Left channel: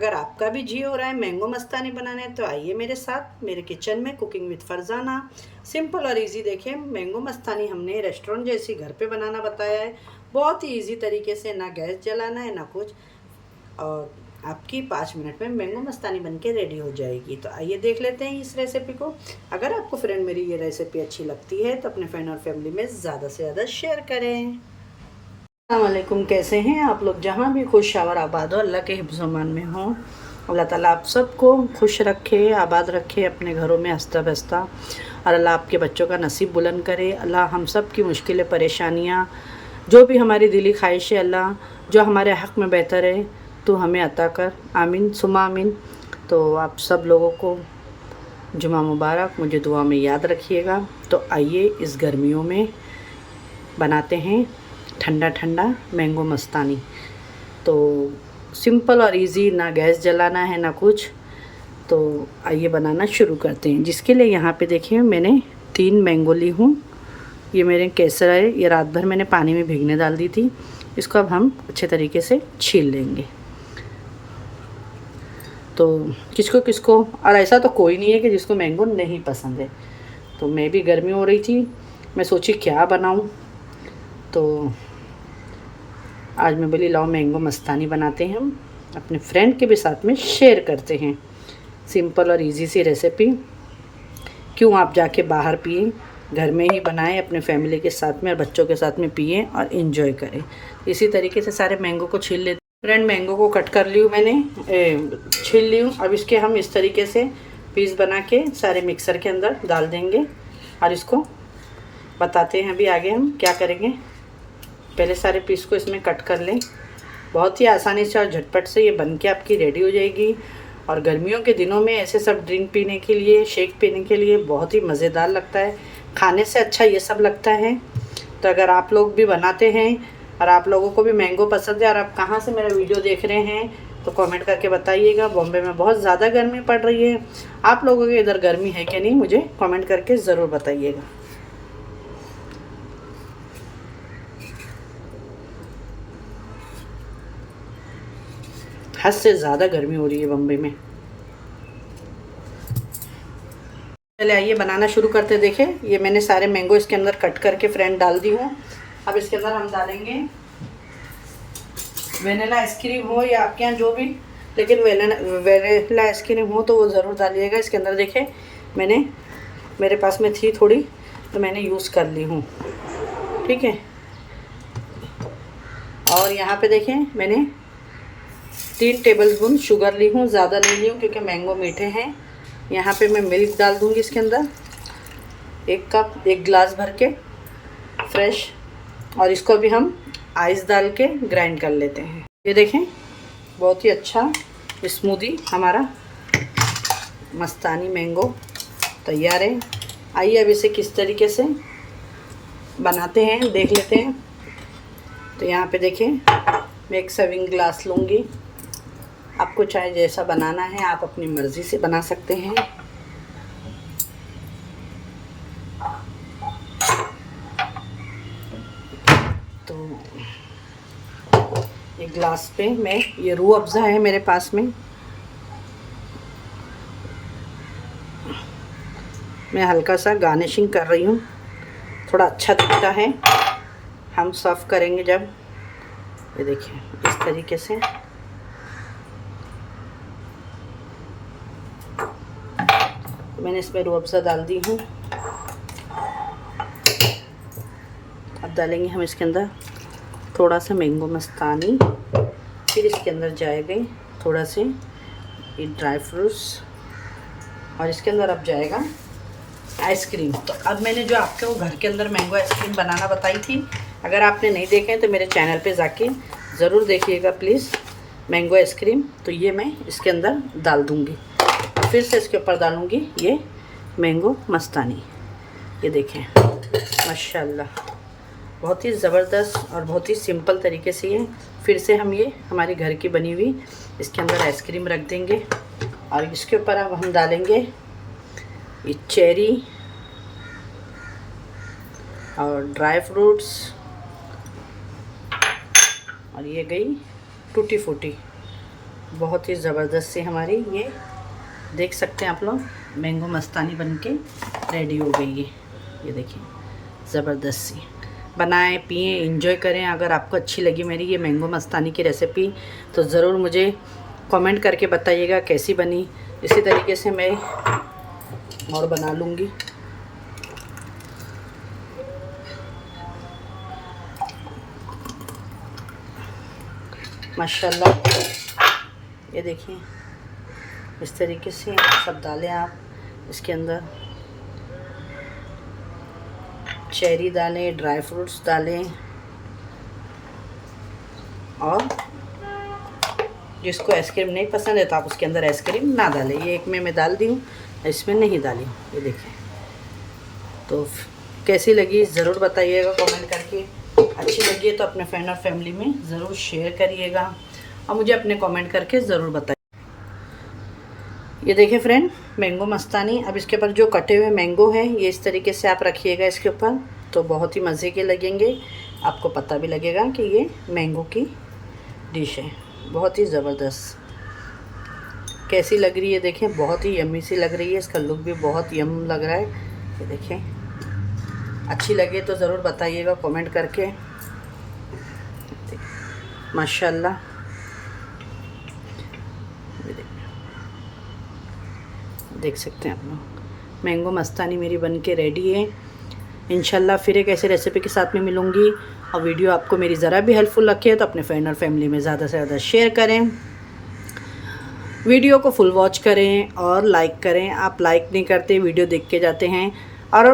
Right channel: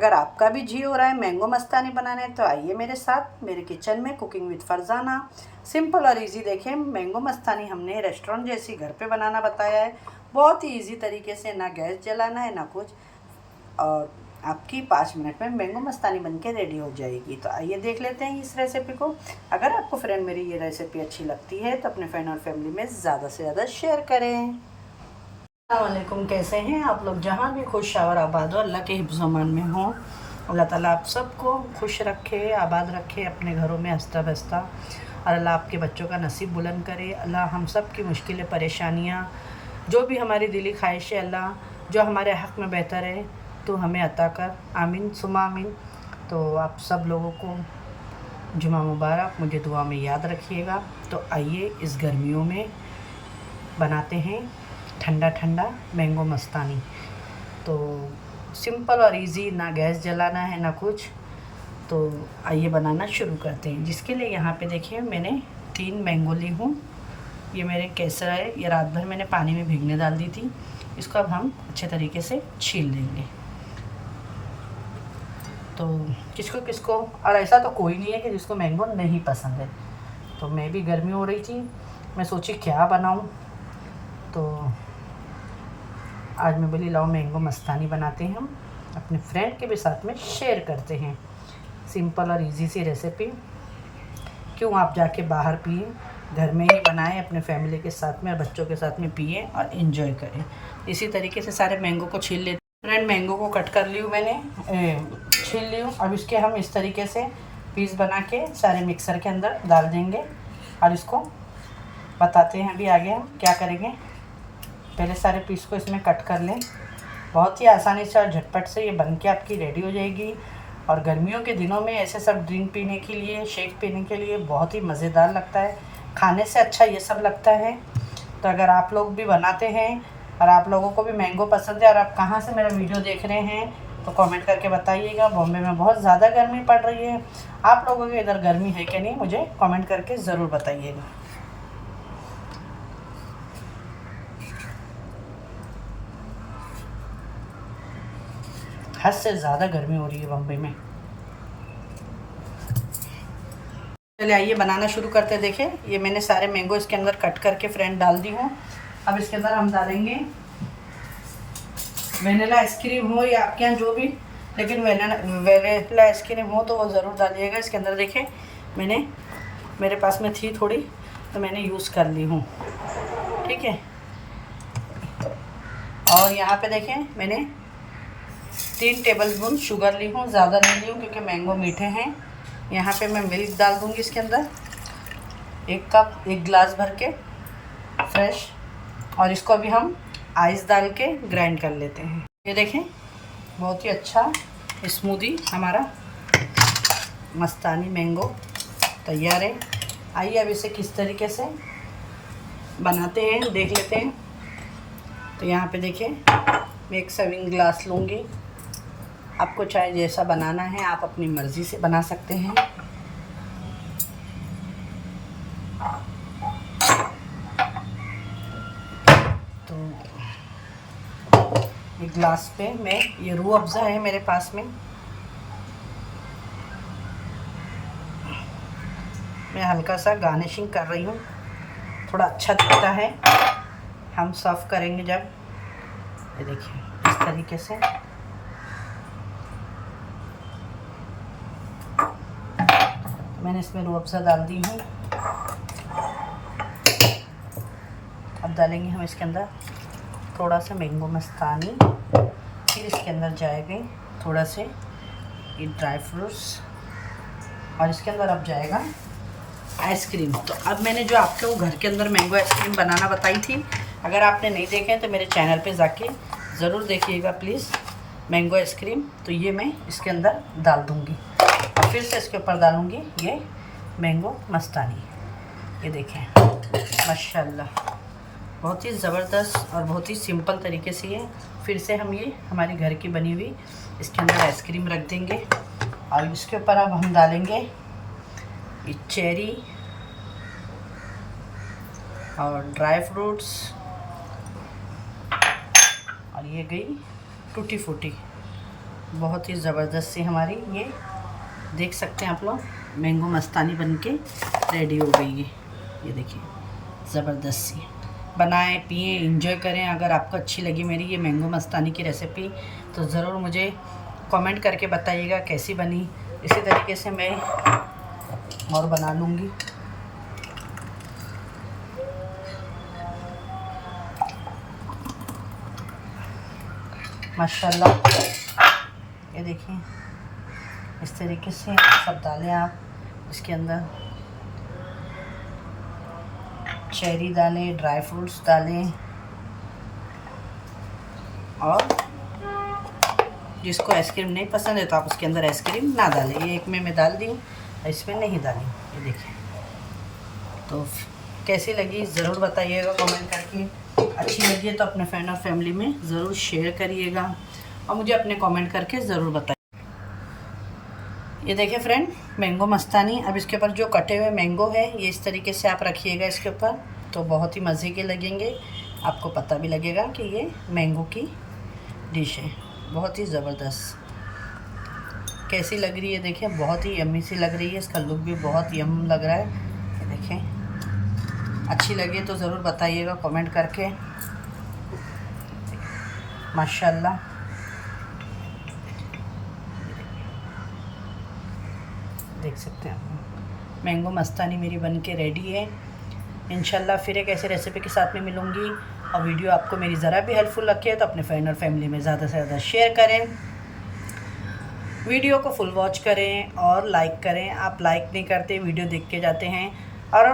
अगर आपका भी जी हो रहा है मैंगो मस्तानी बनाने तो आइए मेरे साथ मेरे किचन में कुकिंग विद फरजाना। सिंपल और इजी देखें, मैंगो मस्तानी हमने रेस्टोरेंट जैसी घर पे बनाना बताया है। बहुत ही इजी तरीके से, ना गैस जलाना है ना कुछ, और आपकी 5 मिनट में मैंगो मस्तानी बनके रेडी हो जाएगी। तो आइए देख लेते हैं इस रेसिपी को। अगर आपको फ्रेंड मेरी ये रेसिपी अच्छी लगती है तो अपने फ्रेंड और फैमिली में ज़्यादा से ज़्यादा शेयर करें। अस्सलामुअलैकुम, कैसे हैं आप लोग? जहाँ भी खुश और आबाद हो, अल्लाह के हिफ्ज़ अमान में हो। अल्लाह ताला आप सबको खुश रखे, आबाद रखे अपने घरों में हंसता बसता, और अल्लाह आपके बच्चों का नसीब बुलंद करे। अल्लाह हम सब की मुश्किलें, परेशानियाँ, जो भी हमारी दिली ख्वाहिश है, अल्लाह जो हमारे हक़ में बेहतर है तो हमें अता कर। आमीन सुमा आमीन। तो आप सब लोगों को जुमा मुबारक, मुझे दुआ में याद रखिएगा। तो आइए इस गर्मियों में बनाते हैं ठंडा ठंडा मैंगो मस्तानी। तो सिंपल और इजी, ना गैस जलाना है ना कुछ। तो आइए बनाना शुरू करते हैं। जिसके लिए यहाँ पे देखिए मैंने 3 मैंगो ली हूँ। ये मेरे केसर है, ये रात भर मैंने पानी में भिगने डाल दी थी। इसको अब हम अच्छे तरीके से छील लेंगे। तो किसको किसको, और ऐसा तो कोई नहीं है कि जिसको मैंगो नहीं पसंद है। तो मैं भी गर्मी हो रही थी, मैं सोची क्या बनाऊँ, तो आज मैं बोली लाओ मैंगो मस्तानी बनाते हैं, हम अपने फ्रेंड के भी साथ में शेयर करते हैं। सिंपल और इजी सी रेसिपी, क्यों आप जाके बाहर पिए, घर में ही बनाएं अपने फैमिली के साथ में और बच्चों के साथ में पिए और इन्जॉय करें। इसी तरीके से सारे मैंगो को छील लेते हैं। फ्रेंड मैंगो को कट कर ली हूँ मैंने, छील ली हूँ। अब इसके हम इस तरीके से पीस बना के सारे मिक्सर के अंदर डाल देंगे और इसको बताते हैं अभी आगे हम क्या करेंगे। पहले सारे पीस को इसमें कट कर लें। बहुत ही आसानी से और झटपट से ये बन के आपकी रेडी हो जाएगी। और गर्मियों के दिनों में ऐसे सब ड्रिंक पीने के लिए, शेक पीने के लिए बहुत ही मज़ेदार लगता है। खाने से अच्छा ये सब लगता है। तो अगर आप लोग भी बनाते हैं और आप लोगों को भी मैंगो पसंद है और आप कहाँ से मेरा वीडियो देख रहे हैं तो कमेंट करके बताइएगा। बॉम्बे में बहुत ज़्यादा गर्मी पड़ रही है। आप लोगों के इधर गर्मी है कि नहीं, मुझे कमेंट करके ज़रूर बताइएगा। हद से ज़्यादा गर्मी हो रही है बम्बई में। चलिए आइए बनाना शुरू करते। देखिए ये मैंने सारे मैंगो इसके अंदर कट करके फ्रेंड डाल दी हूँ। अब इसके अंदर हम डालेंगे वेनिला आइसक्रीम हो या आपके यहाँ जो भी, लेकिन वेनिला आइसक्रीम हो तो वो ज़रूर डालिएगा इसके अंदर। देखें मेरे पास में थी थोड़ी तो मैंने यूज़ कर ली हूँ, ठीक है। और यहाँ पे देखें मैंने 3 टेबलस्पून शुगर ली हूँ, ज़्यादा नहीं ली हूँ क्योंकि मैंगो मीठे हैं। यहाँ पे मैं मिल्क डाल दूँगी इसके अंदर 1 गिलास भर के फ्रेश, और इसको अभी हम आइस डाल के ग्राइंड कर लेते हैं। ये देखें बहुत ही अच्छा स्मूदी हमारा मस्तानी मैंगो तैयार है। आइए अब इसे किस तरीके से बनाते हैं देख लेते हैं। तो यहाँ पे देखें मैं 1 सर्विंग ग्लास लूँगी। आपको चाहे जैसा बनाना है आप अपनी मर्ज़ी से बना सकते हैं। तो एक गिलास पे मैं, ये रूह अफ़ज़ा है मेरे पास में, मैं हल्का सा गार्निशिंग कर रही हूँ, थोड़ा अच्छा दिखता है। हम सर्व करेंगे जब, ये देखिए इस तरीके से। मैंने इसमें रूह अफ़ज़ा डाल दी हूँ। अब डालेंगे हम इसके अंदर थोड़ा सा मैंगो मस्तानी, फिर इसके अंदर जाएगा थोड़ा से ये ड्राई फ्रूट्स, और इसके अंदर अब जाएगा आइसक्रीम। तो अब मैंने जो आपको घर के अंदर मैंगो आइसक्रीम बनाना बताई थी, अगर आपने नहीं देखे तो मेरे चैनल पे जाके ज़रूर देखिएगा प्लीज़। मैंगो आइसक्रीम तो ये मैं इसके अंदर डाल दूँगी और फिर से इसके ऊपर डालूँगी ये मैंगो मस्तानी। ये देखें माशाल्लाह बहुत ही ज़बरदस्त और बहुत ही सिंपल तरीके से ये। फिर से हम ये हमारी घर की बनी हुई इसके अंदर आइसक्रीम रख देंगे और इसके ऊपर अब हम डालेंगे ये चेरी और ड्राई फ्रूट्स, और ये गई टूटी फूटी। बहुत ही ज़बरदस्त सी हमारी ये देख सकते हैं आप लोग मैंगो मस्तानी बनके रेडी हो गई है। ये देखिए ज़बरदस्त सी, बनाएं पिएं एंजॉय करें। अगर आपको अच्छी लगी मेरी ये मैंगो मस्तानी की रेसिपी तो ज़रूर मुझे कमेंट करके बताइएगा कैसी बनी। इसी तरीके से मैं और बना लूँगी। माशाल्लाह ये देखिए इस तरीके से सब डालें आप। इसके अंदर चेरी डालें, ड्राई फ्रूट्स डालें, और जिसको आइसक्रीम नहीं पसंद है तो आप उसके अंदर आइसक्रीम ना डालें। ये एक में मैं डाल दी हूँ, इसमें नहीं डाली। ये देखिए तो कैसी लगी ज़रूर बताइएगा कमेंट करके। अच्छी लगी है तो अपने फ्रेंड और फैमिली में ज़रूर शेयर करिएगा और मुझे अपने कमेंट करके ज़रूर बताइए। ये देखिए फ्रेंड मैंगो मस्तानी। अब इसके ऊपर जो कटे हुए मैंगो है ये इस तरीके से आप रखिएगा इसके ऊपर, तो बहुत ही मज़े के लगेंगे। आपको पता भी लगेगा कि ये मैंगो की डिश है। बहुत ही ज़बरदस्त कैसी लग रही है देखिए, बहुत ही यम्मी सी लग रही है। इसका लुक भी बहुत यम लग रहा है। तो देखिए अच्छी लगे तो ज़रूर बताइएगा कमेंट करके। माशाल्लाह देख सकते हैं आप मैंगो मस्तानी मेरी बनके रेडी है। इंशाल्लाह फिर एक ऐसे रेसिपी के साथ में मिलूँगी। और वीडियो आपको मेरी ज़रा भी हेल्पफुल लगे तो अपने फ्रेंड और फैमिली में ज़्यादा से ज़्यादा शेयर करें। वीडियो को फुल वॉच करें और लाइक करें। आप लाइक नहीं करते, वीडियो देख के जाते हैं। और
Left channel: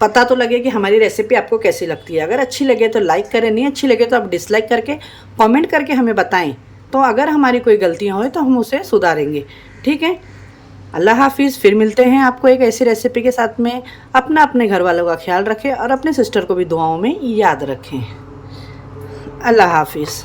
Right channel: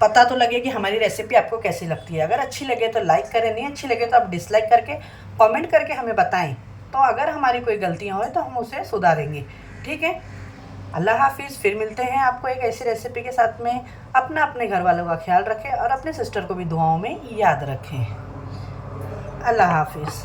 पता तो लगे कि हमारी रेसिपी आपको कैसी लगती है। अगर अच्छी लगे तो लाइक करें, नहीं अच्छी लगे तो आप डिसलाइक करके कमेंट करके हमें बताएं। तो अगर हमारी कोई गलतियाँ हों तो हम उसे सुधारेंगे। ठीक है, अल्लाह हाफिज़। फिर मिलते हैं आपको एक ऐसी रेसिपी के साथ में। अपने घर वालों का ख्याल रखें और अपने सिस्टर को भी दुआओं में याद रखें। अल्लाह हाफिज़।